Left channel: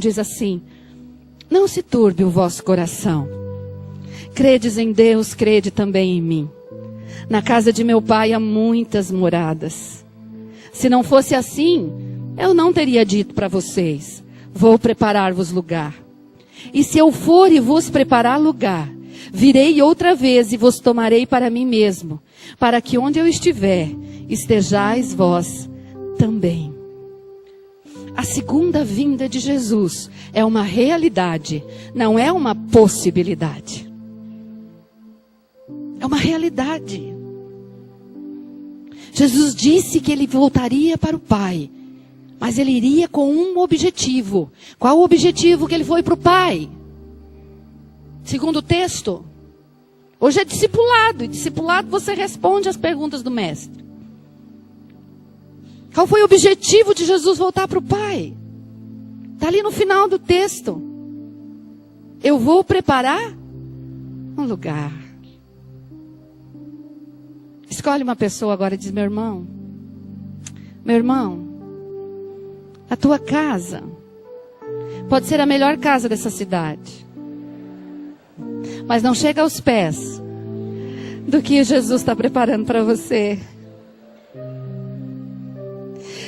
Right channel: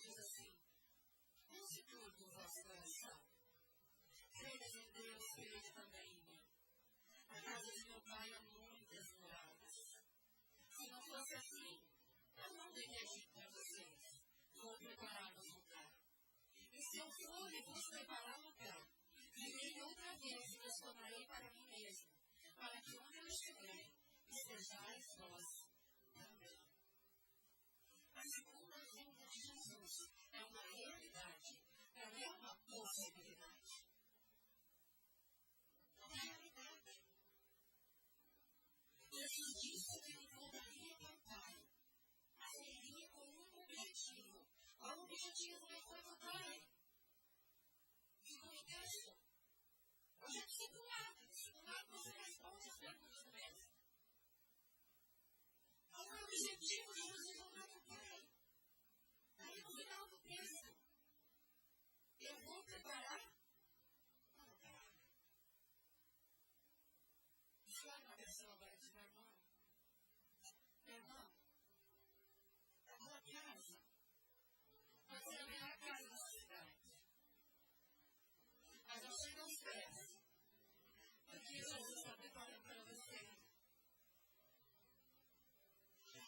diz assim: não se turbe o vosso coração. Credes em Deus, crede também em mim. Na casa de meu pai há muitas moradas. Se não fosse assim, eu não teria dito para vocês: vou preparar-vos lugar. E se eu for e vos preparar lugar, virei outra vez e vos tomarei para mim mesmo, para que onde eu estiver, estejais vós também. A segunda vinda de Jesus é uma realidade, não é uma possibilidade. É uma realidade. Jesus disse que ele voltaria para o Pai, mas ele iria com um objetivo. Qual o objetivo que ele foi para o Pai? Segundo o texto, hoje é discipulado, e discipulado você responde às perguntas do mestre. Qual foi o objetivo de Jesus voltar para o Pai? Está ali no final do texto. Eu vou preparar um lugar. Escolhe uma pessoa agora e diz: meu irmão, a tua casa pode ser a melhor casa dessa cidade, mas não chega aos pés do que Jesus está preparando para você.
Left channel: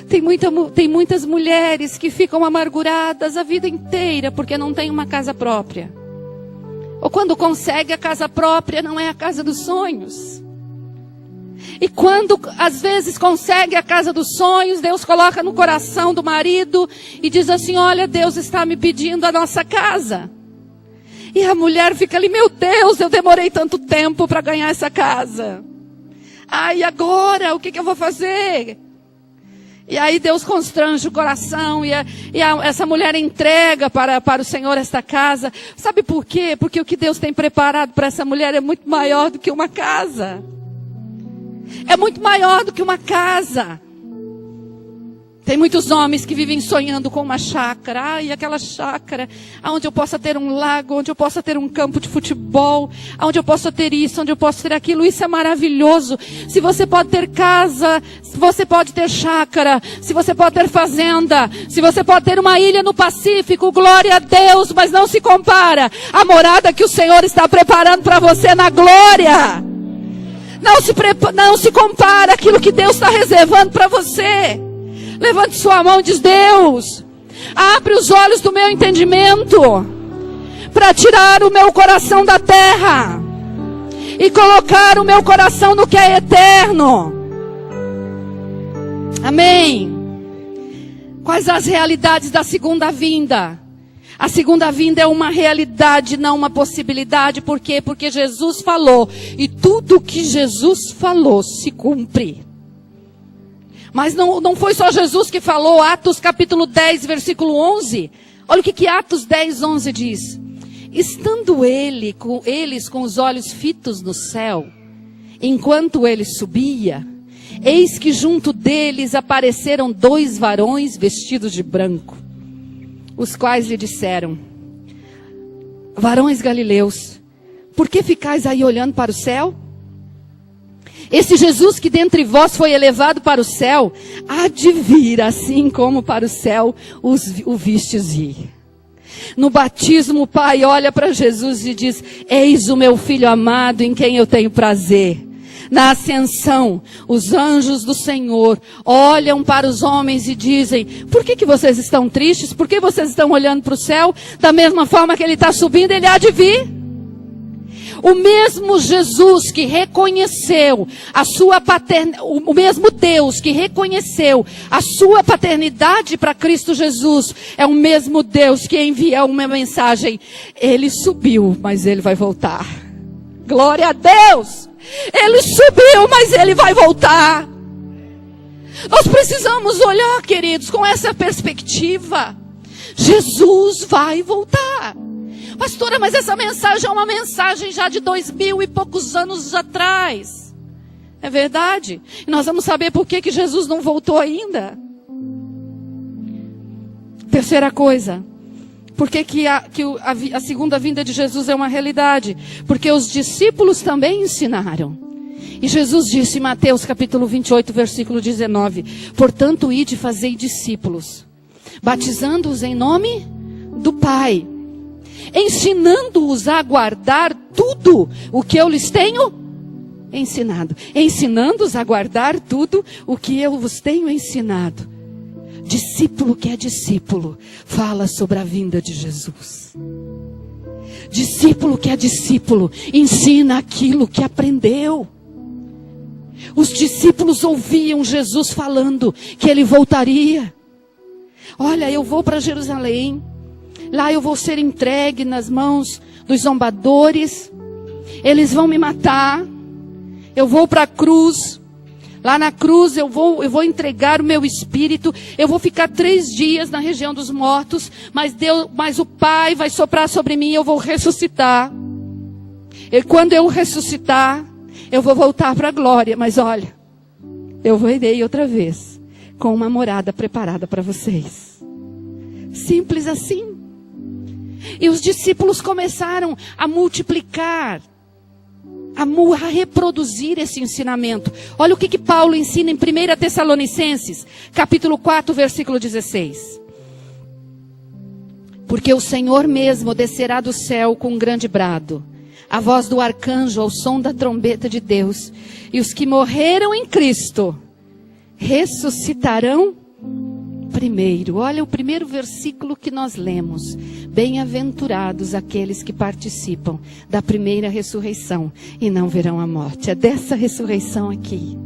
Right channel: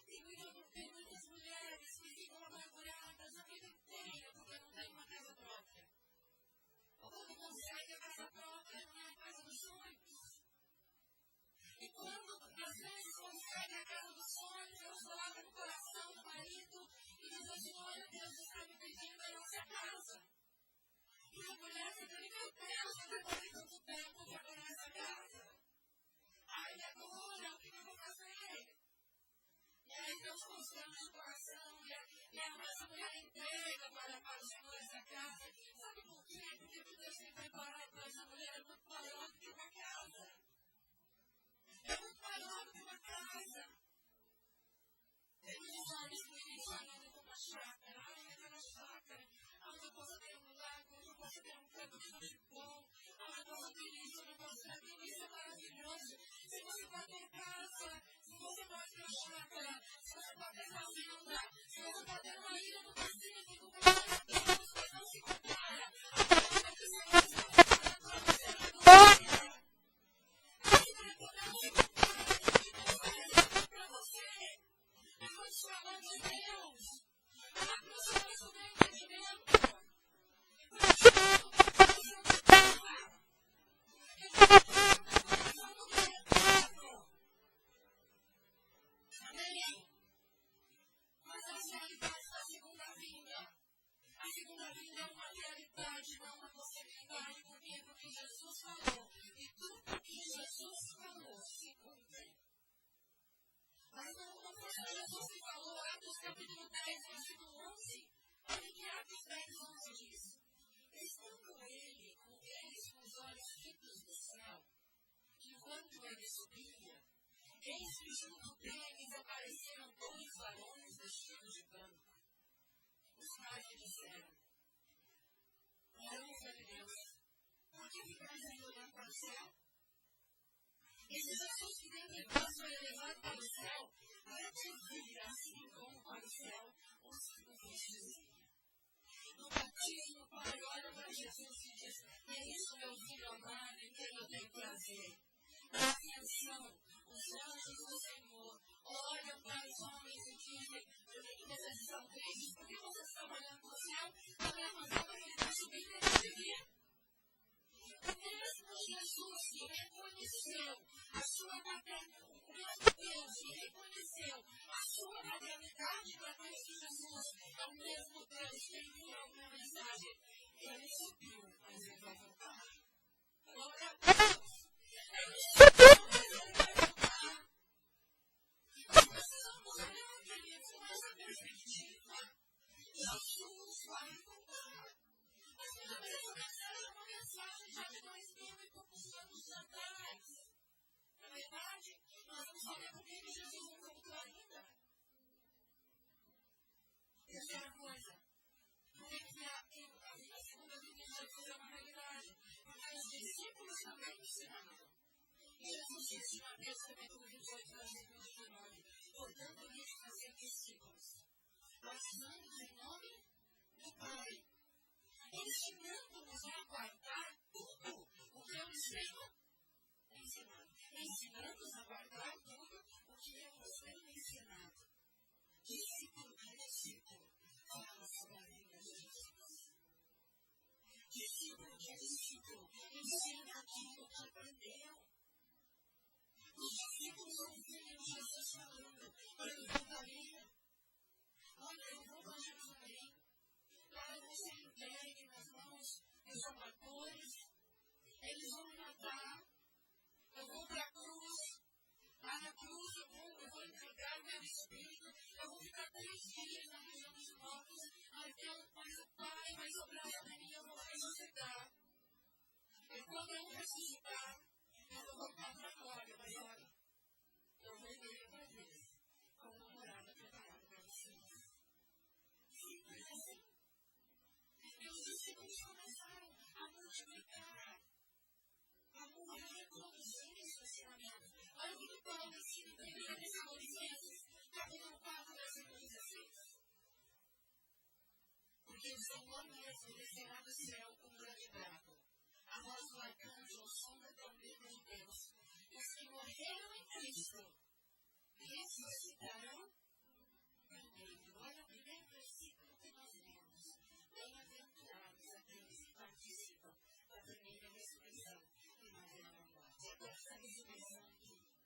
Tem muitas mulheres que ficam amarguradas a vida inteira porque não tem uma casa própria. Ou quando consegue a casa própria, não é a casa dos sonhos. E quando às vezes consegue a casa dos sonhos, Deus coloca no coração do marido e diz assim: olha, Deus está me pedindo a nossa casa. E a mulher fica ali: meu Deus, eu demorei tanto tempo para ganhar essa casa. E agora, o que eu vou fazer? E aí Deus constrange o coração essa mulher entrega para o Senhor esta casa. Sabe por quê? Porque o que Deus tem preparado para essa mulher é muito maior do que uma casa. É muito maior do que uma casa. Tem muitos homens que vivem sonhando com uma chácara. E aquela chácara onde eu possa ter um lago, onde eu possa ter um campo de futebol, onde eu possa ter isso, onde eu possa ter aquilo. Isso é maravilhoso. Se você pode ter casa, se você pode ter chácara, se você pode ter fazenda, se você pode ter uma ilha no Pacífico, glória a Deus, mas não se compara à morada que o Senhor está preparando para você na glória. Não se compara aquilo que Deus está reservando para você. Levante sua mão e diz: Deus, abre os olhos do meu entendimento para tirar o meu coração da terra e colocar o meu coração no que é eterno. Amém. Quais as realidades da segunda vinda? A segunda vinda é uma realidade, não uma possibilidade. Por quê? Porque Jesus falou, e tudo que Jesus falou se cumpre. Mas não foi só Jesus que falou. Atos capítulo 10, versículo 11. Olha o que Atos 10, 11 diz. Estando eles com os olhos fitos no céu, enquanto ele subia, eis que junto deles apareceram 2 varões vestidos de branco, os quais lhe disseram: varões galileus, por que ficais aí olhando para o céu? Esse Jesus que dentre vós foi elevado para o céu, há de vir, assim como para o céu o vistes ir. No batismo, o Pai olha para Jesus e diz: eis o meu Filho amado, em quem eu tenho prazer. Na ascensão, os anjos do Senhor olham para os homens e dizem: por que vocês estão tristes? Por que vocês estão olhando para o céu? Da mesma forma que ele está subindo, ele há de vir. O mesmo Jesus que reconheceu a sua paternidade, o mesmo Deus que reconheceu a sua paternidade para Cristo Jesus, é o mesmo Deus que envia uma mensagem: ele subiu, mas ele vai voltar. Glória a Deus! Ele subiu, mas ele vai voltar. Nós precisamos olhar, queridos, com essa perspectiva. Jesus vai voltar. Pastora, mas essa mensagem é uma mensagem já de 2000 e poucos anos atrás. É verdade. E nós vamos saber por que Jesus não voltou ainda. Terceira coisa. Por que a segunda vinda de Jesus é uma realidade? Porque os discípulos também ensinaram. E Jesus disse em Mateus capítulo 28, versículo 19: portanto, ide e fazei discípulos, batizando-os em nome do Pai, ensinando-os a guardar tudo o que eu lhes tenho ensinado. Ensinando-os a guardar tudo o que eu vos tenho ensinado. Discípulo que é discípulo, fala sobre a vinda de Jesus. Discípulo que é discípulo, ensina aquilo que aprendeu. Os discípulos ouviam Jesus falando que ele voltaria. Olha, eu vou para Jerusalém. Lá eu vou ser entregue nas mãos dos zombadores. Eles vão me matar. Eu vou para a cruz. Lá na cruz eu vou entregar o meu espírito. Eu vou ficar 3 dias na região dos mortos. Mas o Pai vai soprar sobre mim e eu vou ressuscitar. E quando eu ressuscitar, eu vou voltar para a glória. Mas olha, eu virei outra vez com uma morada preparada para vocês. Simples assim. E os discípulos começaram a multiplicar, a reproduzir esse ensinamento. Olha o que Paulo ensina em 1 Tessalonicenses, capítulo 4, versículo 16. Porque o Senhor mesmo descerá do céu com um grande brado, a voz do arcanjo ao som da trombeta de Deus, e os que morreram em Cristo ressuscitarão primeiro. Olha o primeiro versículo que nós lemos. Bem-aventurados aqueles que participam da primeira ressurreição e não verão a morte. É dessa ressurreição aqui.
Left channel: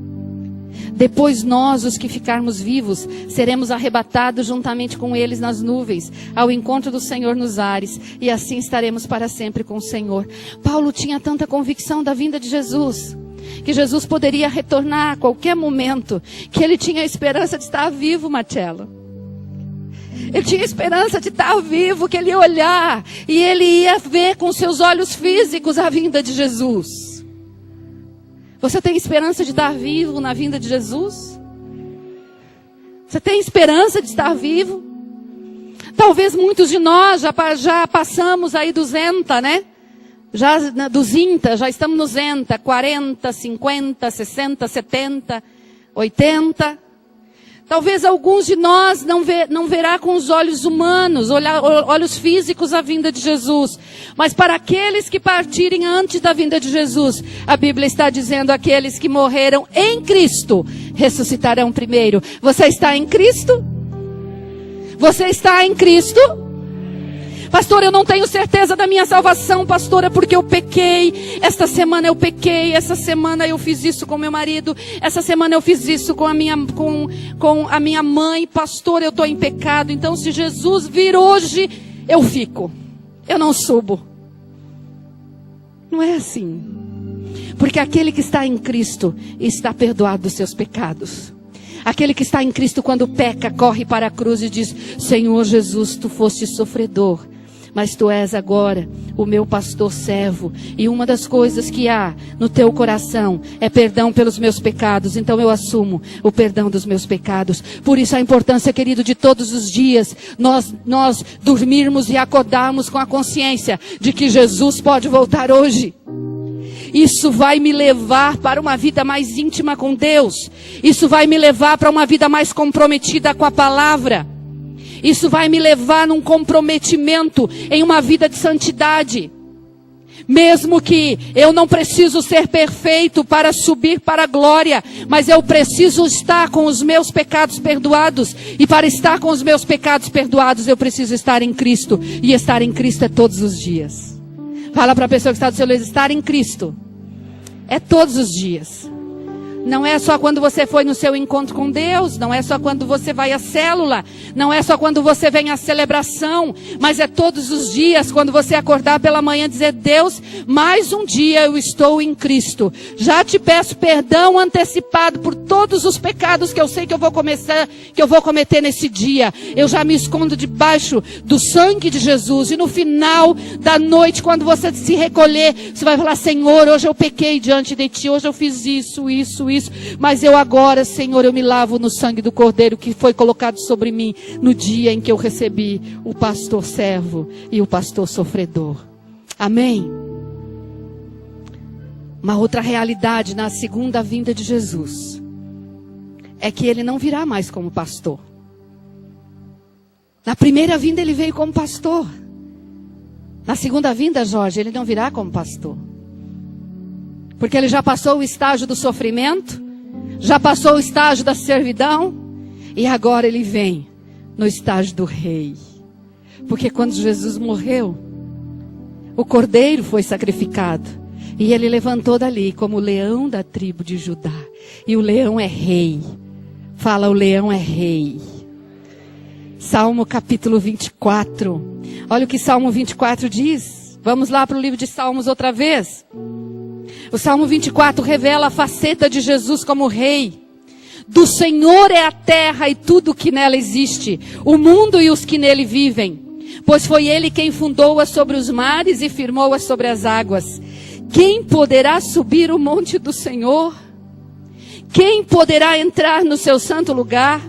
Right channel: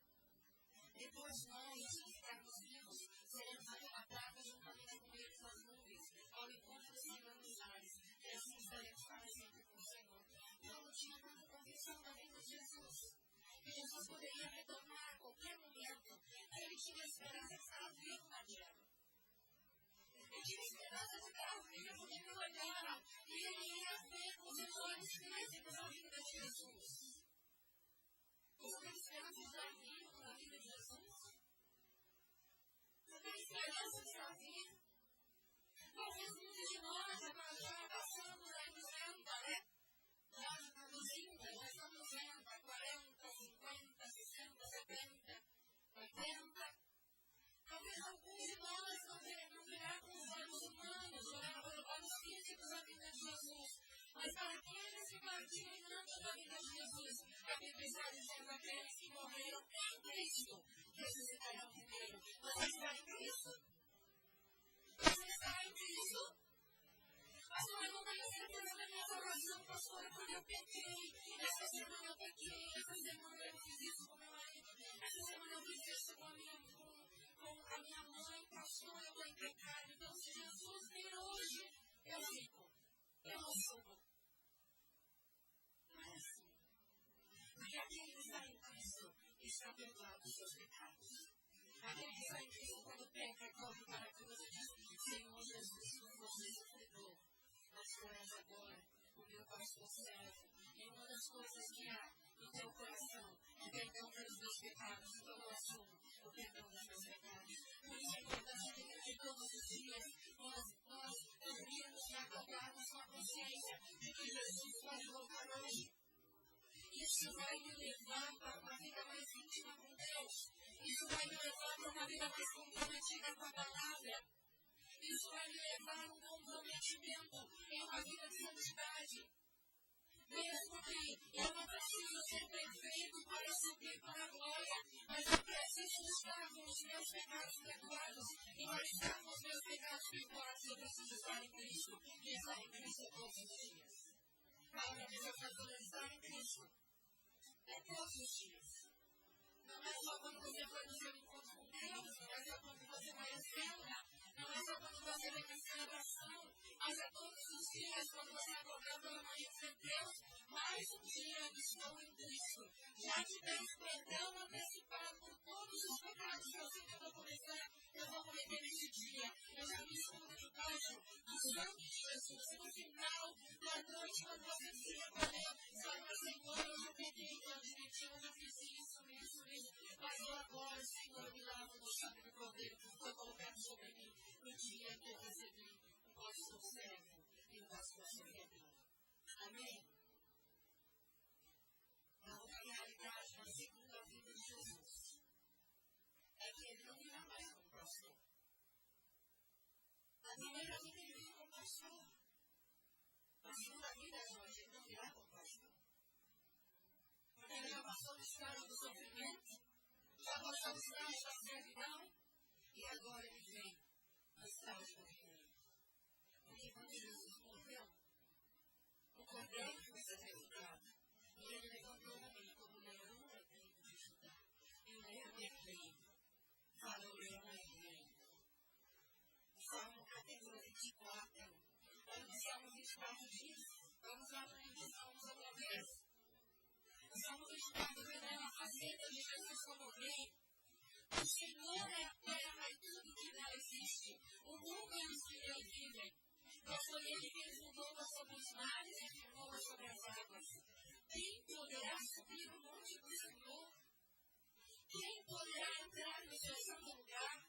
Depois nós, os que ficarmos vivos, seremos arrebatados juntamente com eles nas nuvens, ao encontro do Senhor nos ares, e assim estaremos para sempre com o Senhor. Paulo tinha tanta convicção da vinda de Jesus, que Jesus poderia retornar a qualquer momento, que ele tinha a esperança de estar vivo, Marcelo. Ele tinha esperança de estar vivo, que ele ia olhar e ele ia ver com seus olhos físicos a vinda de Jesus. Você tem esperança de estar vivo na vinda de Jesus? Você tem esperança de estar vivo? Talvez muitos de nós já passamos aí do Zenta, né? Já do Zinta, já estamos no Zenta, 40, 50, 60, 70, 80. Talvez alguns de nós não verá com os olhos humanos, olhos físicos a vinda de Jesus. Mas para aqueles que partirem antes da vinda de Jesus, a Bíblia está dizendo: aqueles que morreram em Cristo ressuscitarão primeiro. Você está em Cristo? Você está em Cristo? Pastor, eu não tenho certeza da minha salvação, pastora, porque eu pequei. Esta semana eu pequei, essa semana eu fiz isso com meu marido, essa semana eu fiz isso com a minha mãe. Pastor, eu estou em pecado. Então, se Jesus vir hoje, eu fico. Eu não subo. Não é assim. Porque aquele que está em Cristo está perdoado dos seus pecados. Aquele que está em Cristo, quando peca, corre para a cruz e diz: Senhor Jesus, tu foste sofredor, mas tu és agora o meu pastor servo. E uma das coisas que há no teu coração é perdão pelos meus pecados. Então eu assumo o perdão dos meus pecados. Por isso a importância, querido, de todos os dias nós dormirmos e acordarmos com a consciência de que Jesus pode voltar hoje. Isso vai me levar para uma vida mais íntima com Deus. Isso vai me levar para uma vida mais comprometida com a palavra. Isso vai me levar num comprometimento em uma vida de santidade. Mesmo que eu não preciso ser perfeito para subir para a glória, mas eu preciso estar com os meus pecados perdoados. E para estar com os meus pecados perdoados, eu preciso estar em Cristo. E estar em Cristo é todos os dias. Fala para a pessoa que está do seu lado: estar em Cristo é todos os dias. Não é só quando você foi no seu encontro com Deus, não é só quando você vai à célula, não é só quando você vem à celebração, mas é todos os dias, quando você acordar pela manhã, dizer: Deus, mais um dia eu estou em Cristo. Já te peço perdão antecipado por todos os pecados que eu sei que eu vou cometer nesse dia. Eu já me escondo debaixo do sangue de Jesus. E no final da noite, quando você se recolher, você vai falar: Senhor, hoje eu pequei diante de ti, hoje eu fiz isso, mas eu agora, Senhor, eu me lavo no sangue do Cordeiro que foi colocado sobre mim no dia em que eu recebi o pastor servo e o pastor sofredor. Amém? Uma outra realidade na segunda vinda de Jesus é que ele não virá mais como pastor. Na primeira vinda ele veio como pastor. Na segunda vinda, Jorge, ele não virá como pastor. Porque ele já passou o estágio do sofrimento, já passou o estágio da servidão, e agora ele vem no estágio do rei. Porque quando Jesus morreu, o cordeiro foi sacrificado, e ele levantou dali como o leão da tribo de Judá. E o leão é rei. Fala, o leão é rei. Salmo capítulo 24. Olha o que Salmo 24 diz. Vamos lá para o livro de Salmos outra vez. O Salmo 24 revela a faceta de Jesus como rei. Do Senhor é a terra e tudo que nela existe, o mundo e os que nele vivem. Pois foi ele quem fundou-a sobre os mares e firmou-a sobre as águas. Quem poderá subir o monte do Senhor? Quem poderá entrar no seu santo lugar?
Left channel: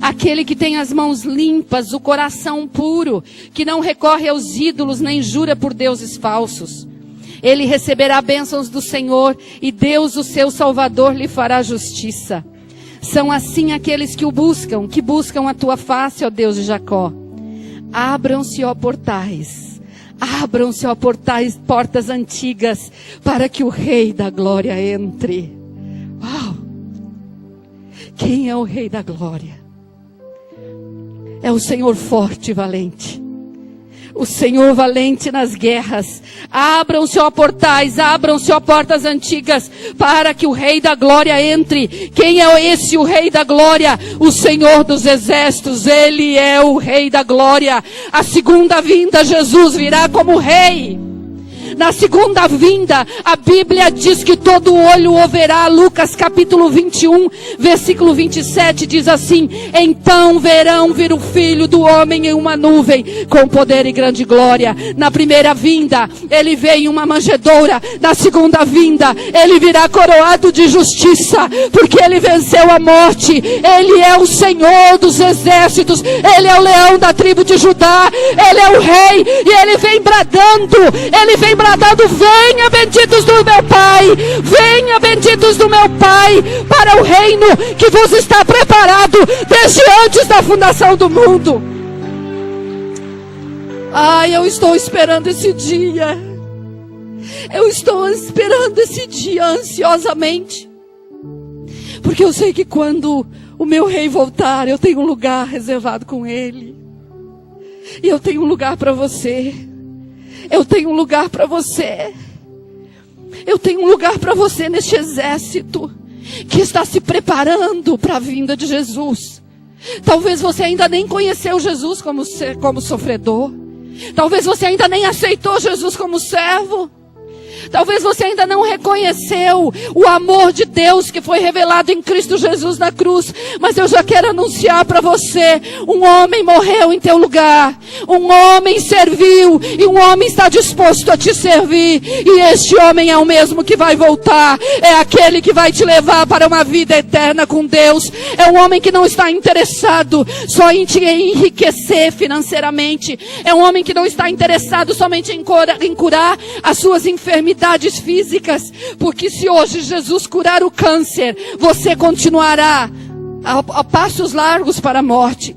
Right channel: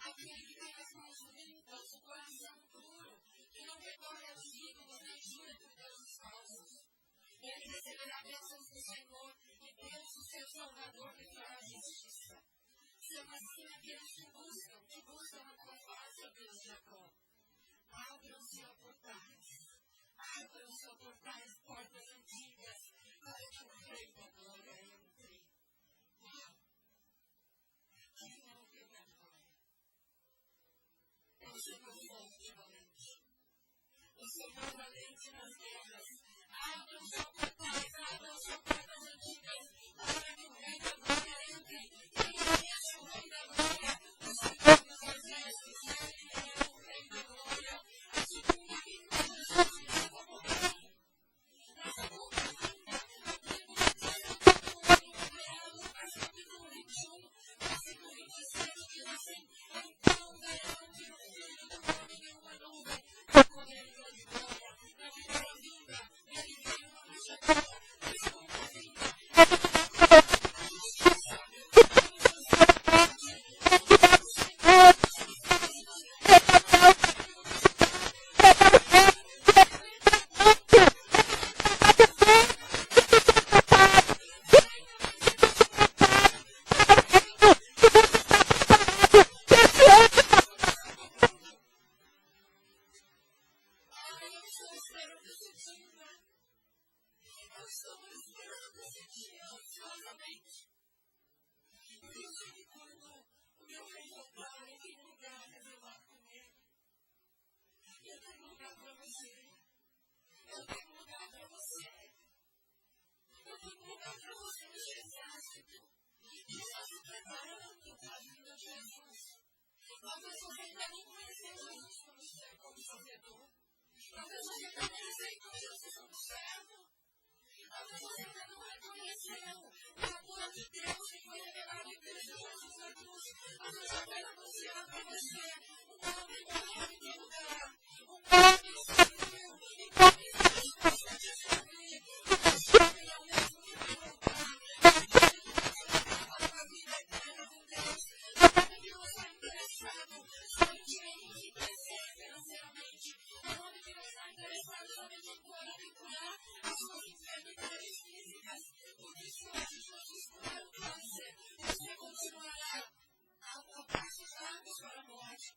Aquele que tem as mãos limpas, o coração puro, que não recorre aos ídolos nem jura por deuses falsos. Ele receberá bênçãos do Senhor e Deus, o seu Salvador, lhe fará justiça. São assim aqueles que o buscam, que buscam a tua face, ó Deus de Jacó. Abram-se, ó portais, abram-se, ó portais, portas antigas, para que o Rei da Glória entre. Uau! Quem é o Rei da Glória? É o Senhor forte e valente. O Senhor valente nas guerras. Abram-se, ó portais, abram-se, ó portas antigas, para que o Rei da Glória entre. Quem é esse, o Rei da Glória? O Senhor dos Exércitos, Ele é o Rei da Glória. A segunda vinda, Jesus virá como Rei. Na segunda vinda, a Bíblia diz que todo olho o verá. Lucas capítulo 21, versículo 27 diz assim: então verão vir o Filho do Homem em uma nuvem, com poder e grande glória. Na primeira vinda, ele veio em uma manjedoura. Na segunda vinda, ele virá coroado de justiça, porque ele venceu a morte. Ele é o Senhor dos exércitos, ele é o leão da tribo de Judá, ele é o rei, e ele vem bradando, venha benditos do meu Pai, venha benditos do meu Pai, para o reino que vos está preparado desde antes da fundação do mundo. Ai, eu estou esperando esse dia. Eu estou esperando esse dia ansiosamente, porque eu sei que quando o meu rei voltar, eu tenho um lugar reservado com ele. E eu tenho um lugar para você. Eu tenho um lugar para você. Eu tenho um lugar para você neste exército que está se preparando para a vinda de Jesus. Talvez você ainda nem conheceu Jesus como sofredor. Talvez você ainda nem aceitou Jesus como servo. Talvez você ainda não reconheceu o amor de Deus que foi revelado em Cristo Jesus na cruz. Mas eu já quero anunciar para você: um homem morreu em teu lugar. Um homem serviu e um homem está disposto a te servir. E este homem é o mesmo que vai voltar. É aquele que vai te levar para uma vida eterna com Deus. É um homem que não está interessado só em te enriquecer financeiramente. É um homem que não está interessado somente em curar as suas enfermidades físicas, porque se hoje Jesus curar o câncer, você continuará a passos largos para a morte.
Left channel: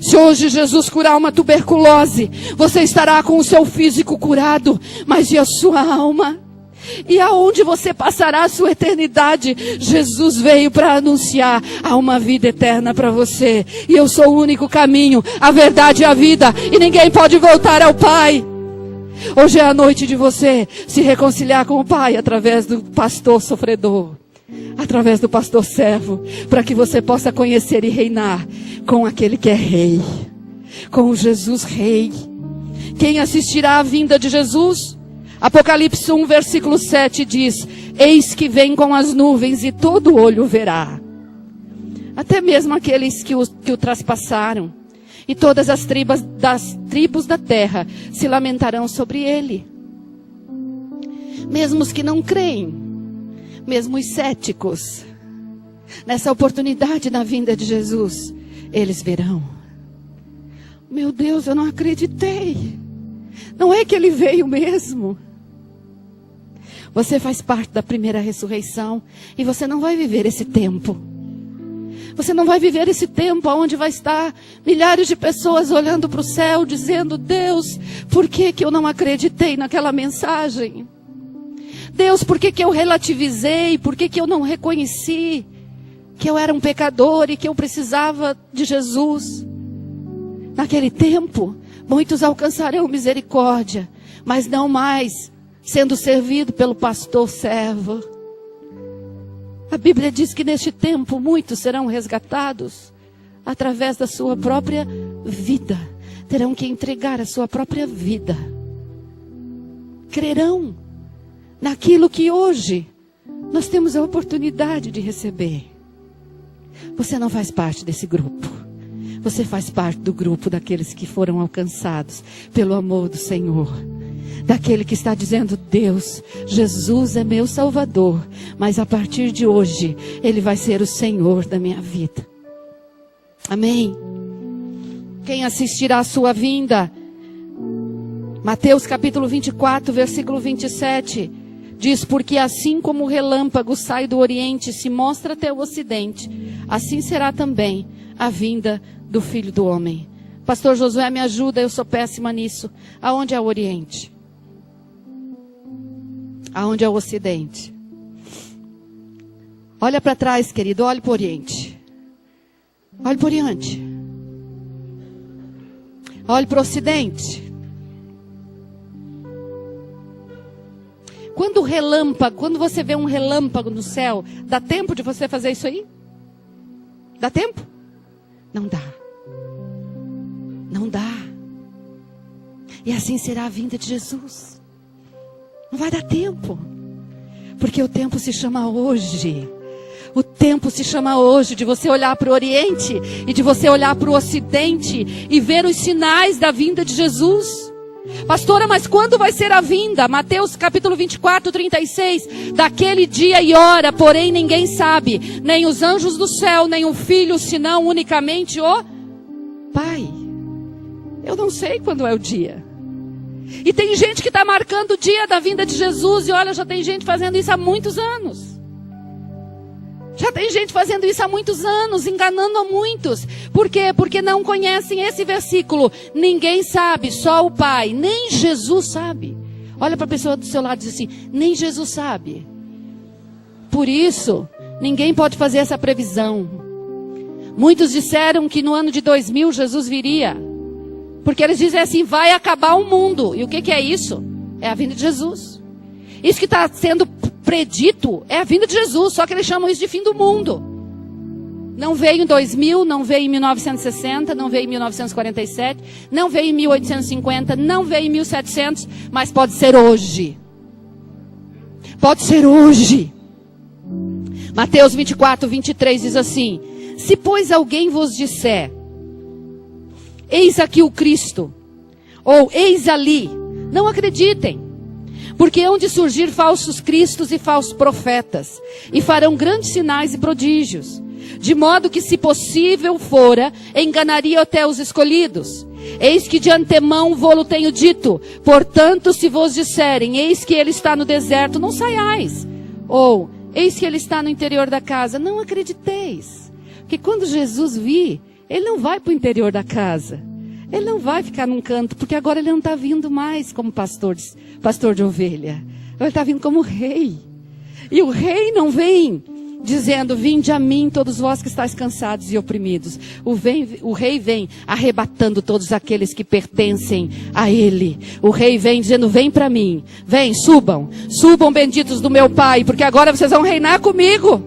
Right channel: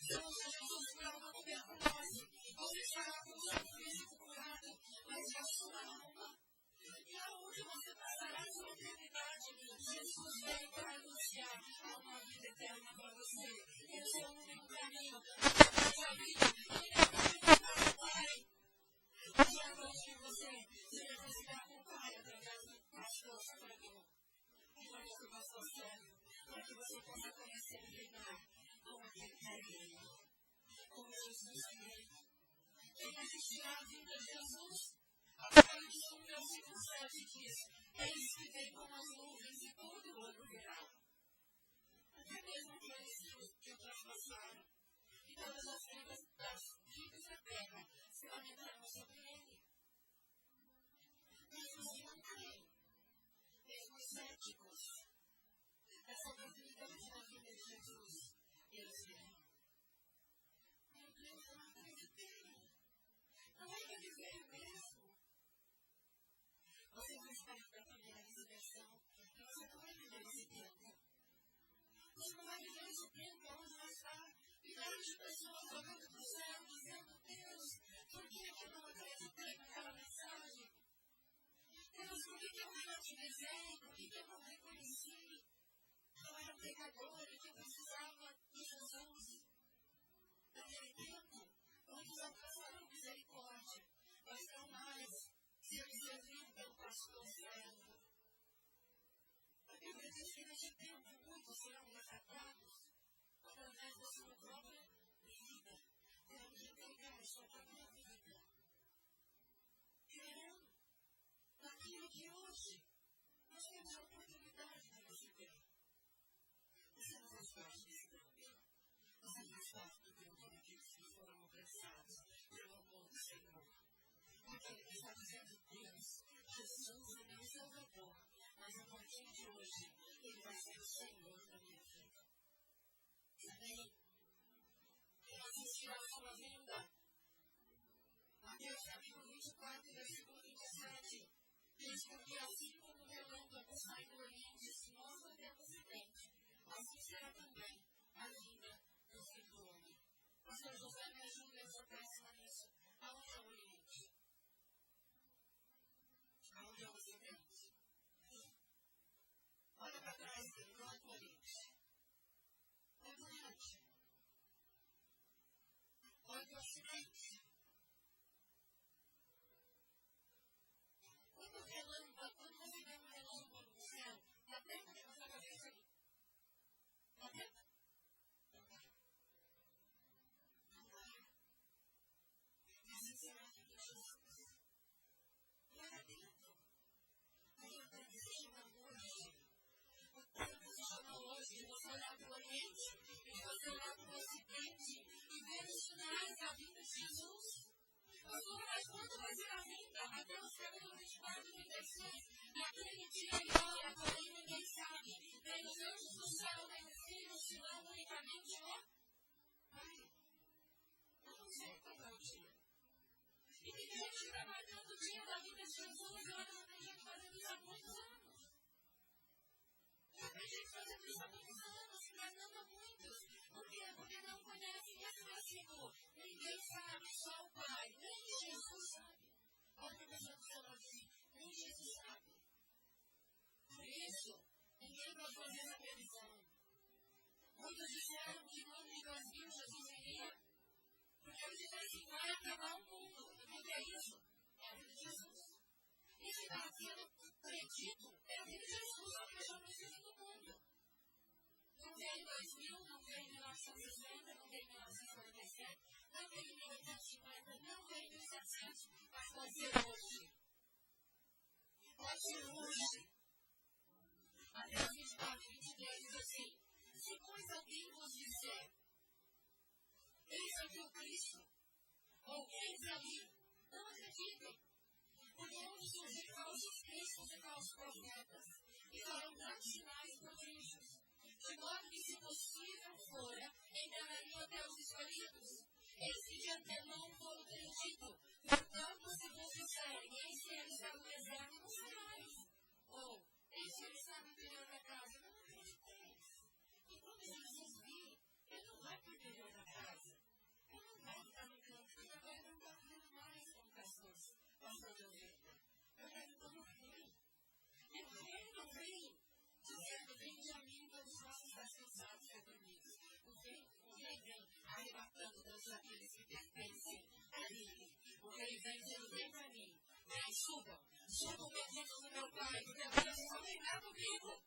Se hoje Jesus curar uma tuberculose, você estará com o seu físico curado, mas e a sua alma? E aonde você passará a sua eternidade? Jesus veio para anunciar: há uma vida eterna para você, e eu sou o único caminho, a verdade e a vida, e ninguém pode voltar ao Pai. Hoje é a noite de você se reconciliar com o Pai através do pastor sofredor, através do pastor servo, para que você possa conhecer e reinar com aquele que é rei, com o Jesus rei. Quem assistirá à vinda de Jesus? Apocalipse 1, versículo 7 diz: eis que vem com as nuvens e todo olho verá. Até mesmo aqueles que o traspassaram. E todas as tribos da terra se lamentarão sobre ele. Mesmo os que não creem, mesmo os céticos, nessa oportunidade na vinda de Jesus, eles verão: meu Deus, eu não acreditei. Não é que ele veio mesmo. Você faz parte da primeira ressurreição e você não vai viver esse tempo. Você não vai viver esse tempo onde vai estar milhares de pessoas olhando para o céu, dizendo: Deus, por que eu não acreditei naquela mensagem? Deus, por que eu relativizei? Por que eu não reconheci que eu era um pecador e que eu precisava de Jesus? Naquele tempo, muitos alcançarão misericórdia, mas não mais sendo servido pelo pastor servo. A Bíblia diz que neste tempo muitos serão resgatados através da sua própria vida. Terão que entregar a sua própria vida. Crerão naquilo que hoje nós temos a oportunidade de receber. Você não faz parte desse grupo. Você faz parte do grupo daqueles que foram alcançados pelo amor do Senhor. Daquele que está dizendo: Deus, Jesus é meu Salvador, mas a partir de hoje, Ele vai ser o Senhor da minha vida. Amém? Quem assistirá à sua vinda? Mateus capítulo 24, versículo 27, diz: porque assim como o relâmpago sai do Oriente e se mostra até o Ocidente, assim será também a vinda do Filho do Homem. Pastor Josué, me ajuda, eu sou péssima nisso. Aonde é o Oriente? Aonde é o Ocidente? Olha para trás, querido, olhe para o Oriente. Olhe para o Oriente. Olhe para o Ocidente. Quando você vê um relâmpago no céu, dá tempo de você fazer isso aí? Dá tempo? Não dá. Não dá. E assim será a vinda de Jesus. Não vai dar tempo. Porque o tempo se chama hoje. O tempo se chama hoje de você olhar para o Oriente e de você olhar para o Ocidente e ver os sinais da vinda de Jesus. Pastora, mas quando vai ser a vinda? Mateus capítulo 24, 36. Daquele dia e hora, porém ninguém sabe, nem os anjos do céu, nem o Filho, senão unicamente o Pai. Eu não sei quando é o dia. E tem gente que está marcando o dia da vinda de Jesus. E olha, já tem gente fazendo isso há muitos anos. Já tem gente fazendo isso há muitos anos, enganando a muitos. Por quê? Porque não conhecem esse versículo. Ninguém sabe, só o Pai. Nem Jesus sabe. Olha para a pessoa do seu lado e diz assim: nem Jesus sabe. Por isso, ninguém pode fazer essa previsão. Muitos disseram que no ano de 2000 Jesus viria. Porque eles dizem assim: vai acabar o mundo. E o que é isso? É a vinda de Jesus. Isso que está sendo predito é a vinda de Jesus. Só que eles chamam isso de fim do mundo. Não veio em 2000, não veio em 1960, não veio em 1947, não veio em 1850, não veio em 1700, mas pode ser hoje. Pode ser hoje. Mateus 24, 23 diz assim: se pois alguém vos disser: eis aqui o Cristo, ou eis ali, não acreditem, porque hão de surgir falsos cristos e falsos profetas, e farão grandes sinais e prodígios, de modo que, se possível fora, enganariam até os escolhidos. Eis que de antemão vô-lo tenho dito, portanto, se vos disserem: eis que ele está no deserto, não saiais, ou eis que ele está no interior da casa, não acrediteis. Porque quando Jesus vir, ele não vai para o interior da casa. Ele não vai ficar num canto, porque agora ele não está vindo mais como pastor de ovelha. Ele está vindo como rei. E o rei não vem dizendo: vinde a mim todos vós que estáis cansados e oprimidos. O rei vem arrebatando todos aqueles que pertencem a ele. O rei vem dizendo: vem para mim. Vem, subam benditos do meu Pai, porque agora vocês vão reinar comigo.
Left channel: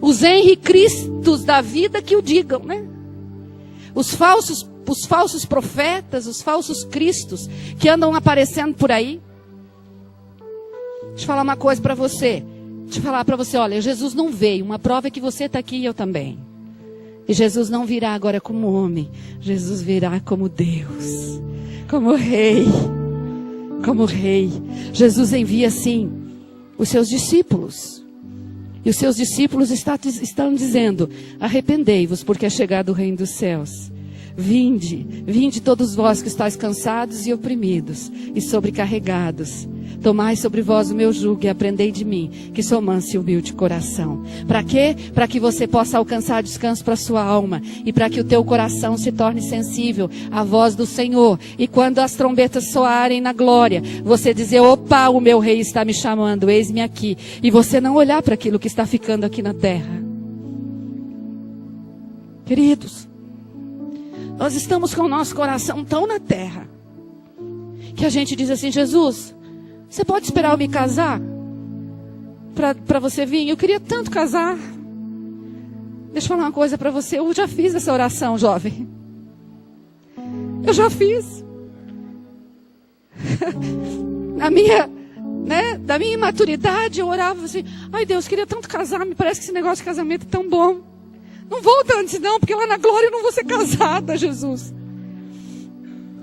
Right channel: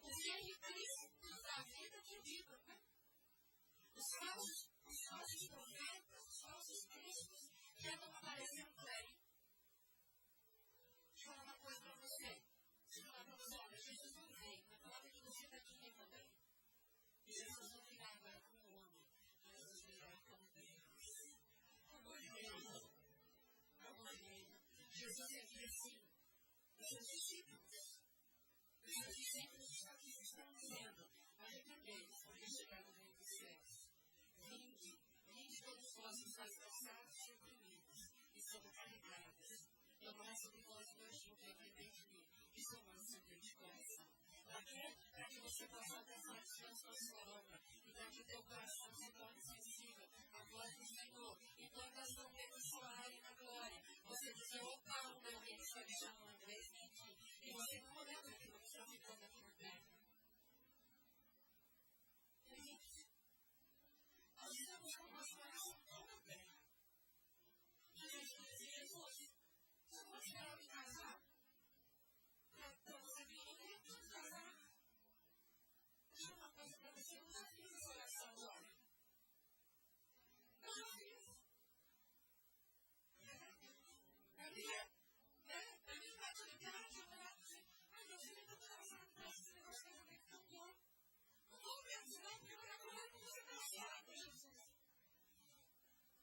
Os Henri Cristos da vida que o digam, né? Os falsos profetas, os falsos cristos que andam aparecendo por aí. Deixa eu falar uma coisa para você. Deixa eu falar para você, olha, Jesus não veio. Uma prova é que você está aqui e eu também. E Jesus não virá agora como homem. Jesus virá como Deus. Como rei. Como rei. Jesus envia, sim, os seus discípulos. E os seus discípulos estão dizendo: arrependei-vos, porque é chegado o reino dos céus. Vinde todos vós que estáis cansados e oprimidos e sobrecarregados. Tomai sobre vós o meu jugo e aprendei de mim, que sou manso e humilde de coração. Para quê? Para que você possa alcançar descanso para a sua alma e para que o teu coração se torne sensível à voz do Senhor. E quando as trombetas soarem na glória, você dizer: opa, o meu rei está me chamando, eis-me aqui. E você não olhar para aquilo que está ficando aqui na terra. Queridos, nós estamos com o nosso coração tão na terra, que a gente diz assim: Jesus, você pode esperar eu me casar? Para você vir? Eu queria tanto casar. Deixa eu falar uma coisa para você. Eu já fiz essa oração, jovem. Eu já fiz. Da minha imaturidade, eu orava assim: ai Deus, queria tanto casar. Me parece que esse negócio de casamento é tão bom. Não volta antes não, porque lá na glória eu não vou ser casada, Jesus.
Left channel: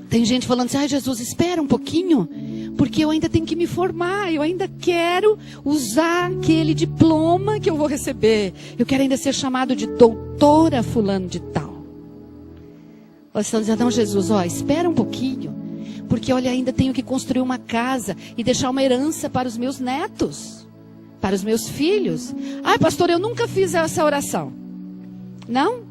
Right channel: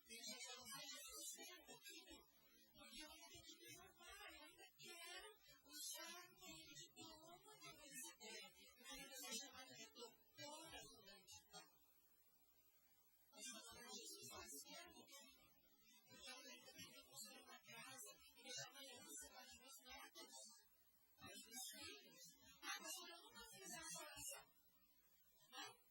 Tem gente falando assim: ai Jesus, espera um pouquinho, porque eu ainda tenho que me formar. Eu ainda quero usar aquele diploma que eu vou receber. Eu quero ainda ser chamado de doutora fulano de tal. Vocês estão dizendo: não Jesus, espera um pouquinho, porque olha, ainda tenho que construir uma casa e deixar uma herança para os meus netos, para os meus filhos. Ai pastor, eu nunca fiz essa oração. Não?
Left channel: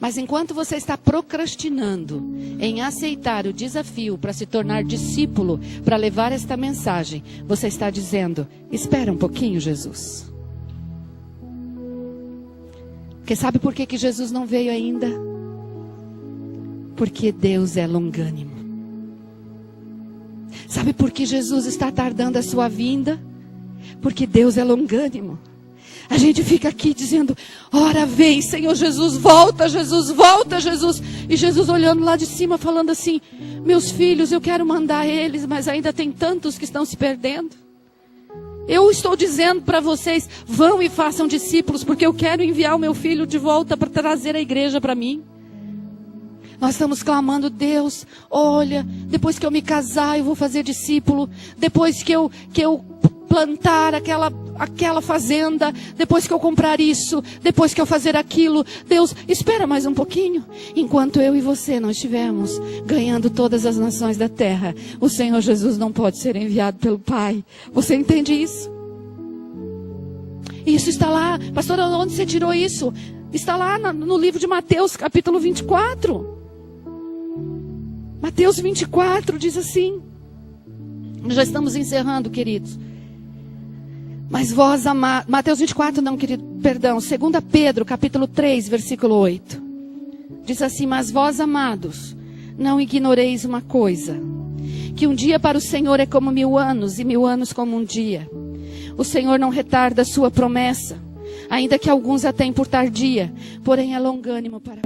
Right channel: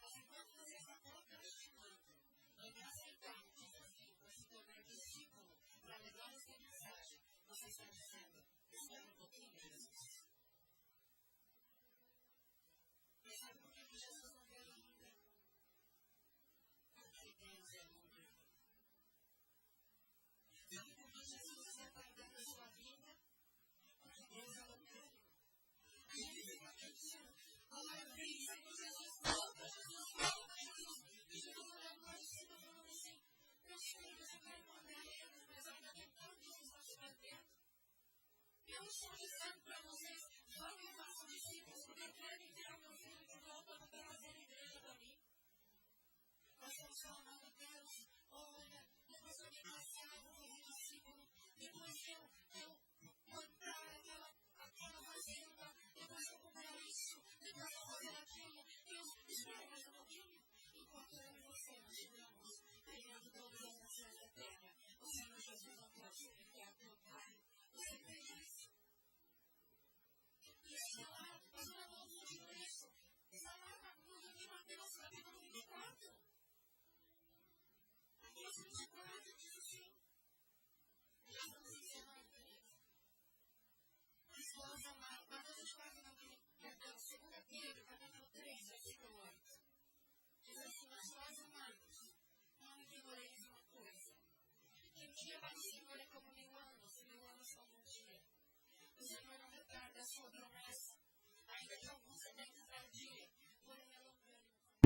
Mas enquanto você está procrastinando em aceitar o desafio para se tornar discípulo, para levar esta mensagem, você está dizendo: espera um pouquinho, Jesus. Porque sabe por que Jesus não veio ainda? Porque Deus é longânimo. Sabe por que Jesus está tardando a sua vinda? Porque Deus é longânimo. A gente fica aqui dizendo: ora vem Senhor Jesus, volta Jesus, volta Jesus. E Jesus olhando lá de cima falando assim: meus filhos, eu quero mandar eles, mas ainda tem tantos que estão se perdendo. Eu estou dizendo para vocês: vão e façam discípulos, porque eu quero enviar o meu filho de volta para trazer a igreja para mim. Nós estamos clamando: Deus, olha, depois que eu me casar eu vou fazer discípulo. Depois que eu plantar aquela fazenda, depois que eu comprar isso, depois que eu fazer aquilo. Deus, espera mais um pouquinho. Enquanto eu e você não estivermos ganhando todas as nações da terra, o Senhor Jesus não pode ser enviado pelo Pai. Você entende isso? Isso está lá. Pastora, onde você tirou isso? Está lá no livro de Mateus, capítulo 24. Mateus 24 diz assim. Já estamos encerrando, queridos. Mas vós amados... Mateus 24 não, querido, perdão. 2 Pedro, capítulo 3, versículo 8. Diz assim: mas vós, amados, não ignoreis uma coisa, que um dia para o Senhor é como 1000 anos, e 1000 anos como um dia. O Senhor não retarda a sua promessa, ainda que alguns a tenham por tardia, porém é longânimo para...